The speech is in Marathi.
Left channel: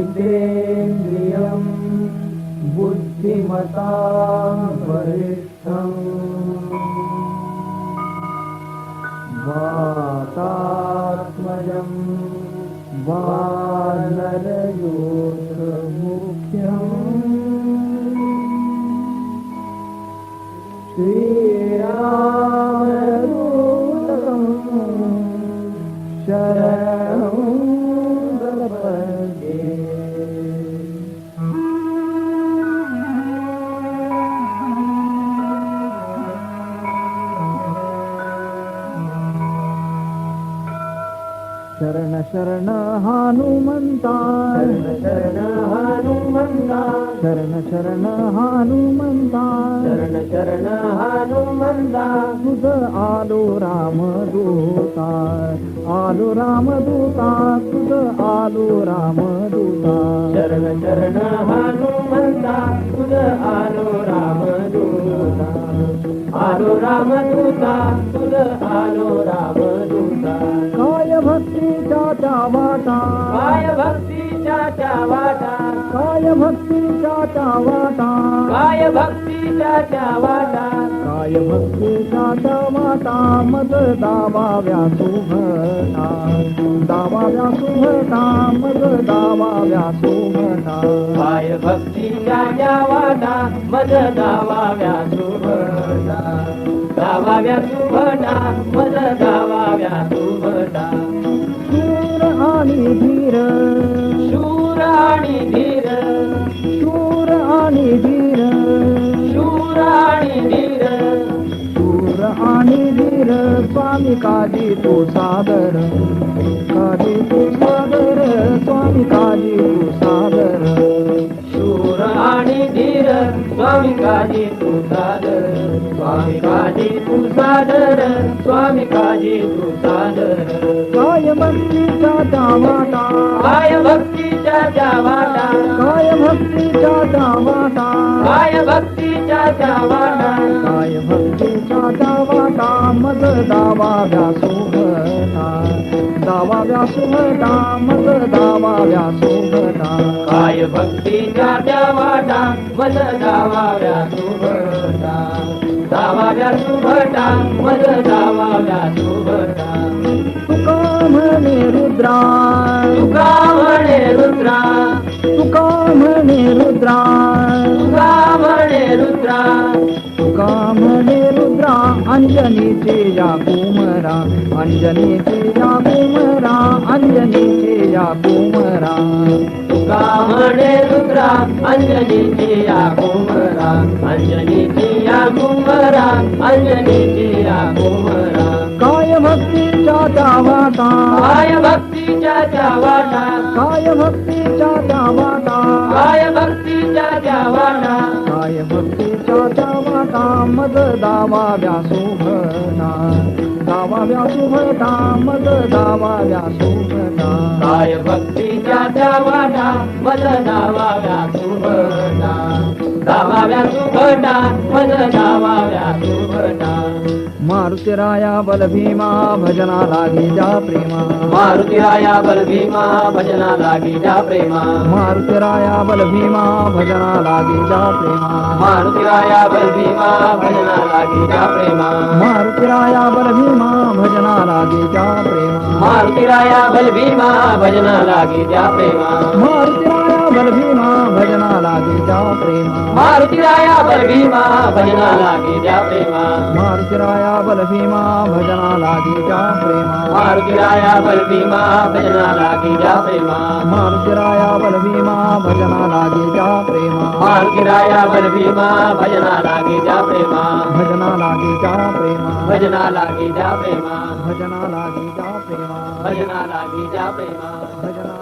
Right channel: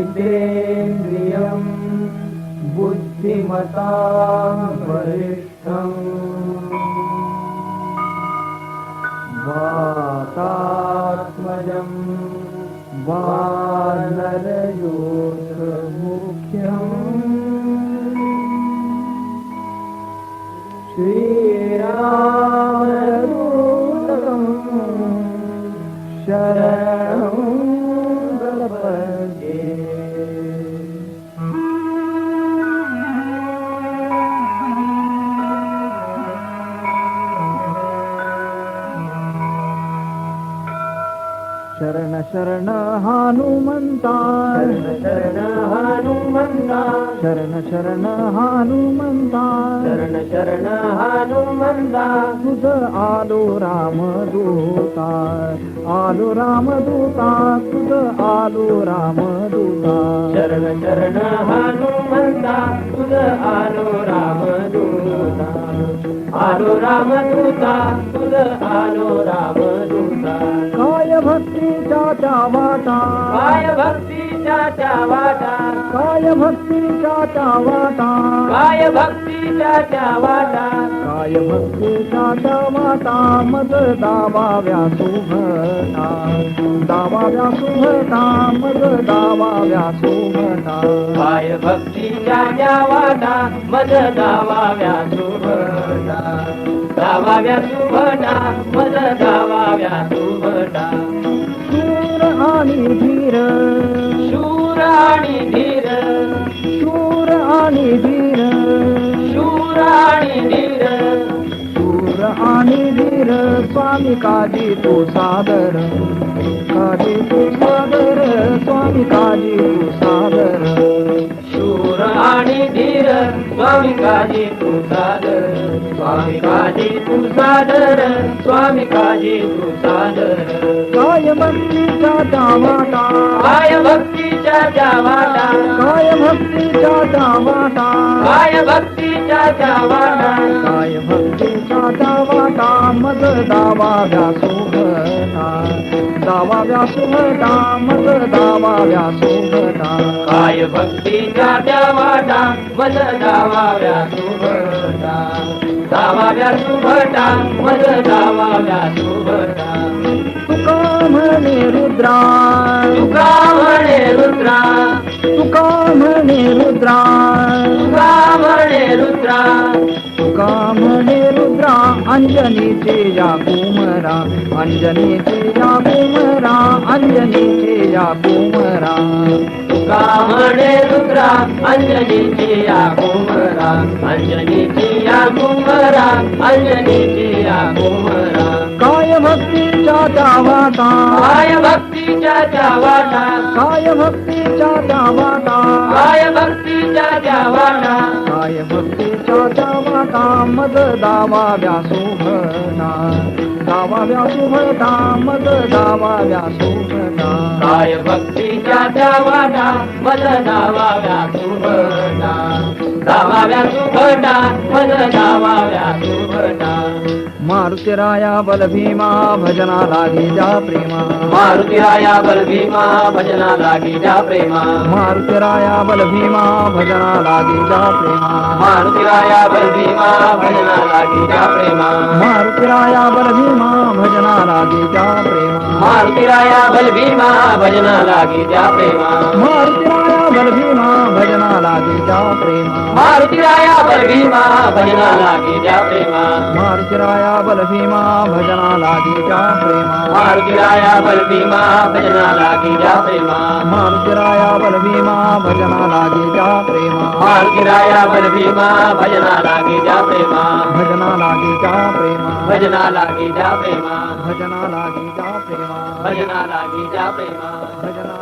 जितेन्द्रियं बुद्धिमतां वरिष्ठम्। वातात्मजं वानरयोगमुख्यम् श्रीरामदूतं शरण शरण हनुमन्ता शरण शरण हनुमन्ता शरण शरण हनुमन्ता शरण शरण हनुमन्ता तुझ आलो रामदूता आलो रामदूता तुझ आलो रामदूता शरण शरण हनुमन्ता तुझ आलो रामदूता आलो रामदूता तुझ आलो रामदूता मत दावाव्या सुभटा दावाव्या सुभटा मद दावाव्या सुभटा काय भक्तीच्या द्यावाटा मद दावाव्या सुभटा दावाव्या सुभटा मद दावाव्या सुभटा स्वामी काजी तू सादर. काजी तू सादर स्वामी काजी तू सादर. शूर आणि धीर स्वामी काजी तू सादर. स्वामी काजी तू सादर स्वामी काजी तू सादर. काय भक्तीच्या जावाटा काय भक्तीच्या जावाटा काय भक्तीच्या जावाटा काय भक्तीच्या जावाटा दावा व्यासोभना दावा व्यासोभना मग दावा व्यासोभना काय मज दावा व्यासोभटा दावा व्यासोभटा मज दावा अंजनीच्या कुमरा अंजनीच्या कुमरा कावडे रुद्रा अंजनीच्या कुमरा अंजनीच्या कुमरा अंजनीच्या कुमरा काय भक्तीच्या त्या वाटा काय भक्तीच्या चा वाटा काय भक्तीच्या मद दावाव्या सुभटा काय भक्तीच्या सुभटा मारुतीराया बलभीमा भजना लागी जा प्रेमा. मारुतीराया बलभीमा भजना लागी जा प्रेमा. मारुतीराया बलभीमा भजना लागी जा प्रेमा. मारुतीराया बलभीमा भजना लागी जा प्रेमा. जा प्रेमा मारुति राया बर भजना लागे जा प्रेमा मारुति राया भीमा भजना लागे जा प्रेमा बल भीमा भजना लागे जा प्रेमा मारुति राया बल भीमा भजना लागे जा प्रेमा मारुति राया भजना लागे जा प्रेमा मारुति राया बल भजना लागे जा प्रेमा भजना लागे जा प्रेमा भजना लागे जा प्रेमा भजना लागे प्रेमा भजना लागे जा प्रेमा भजना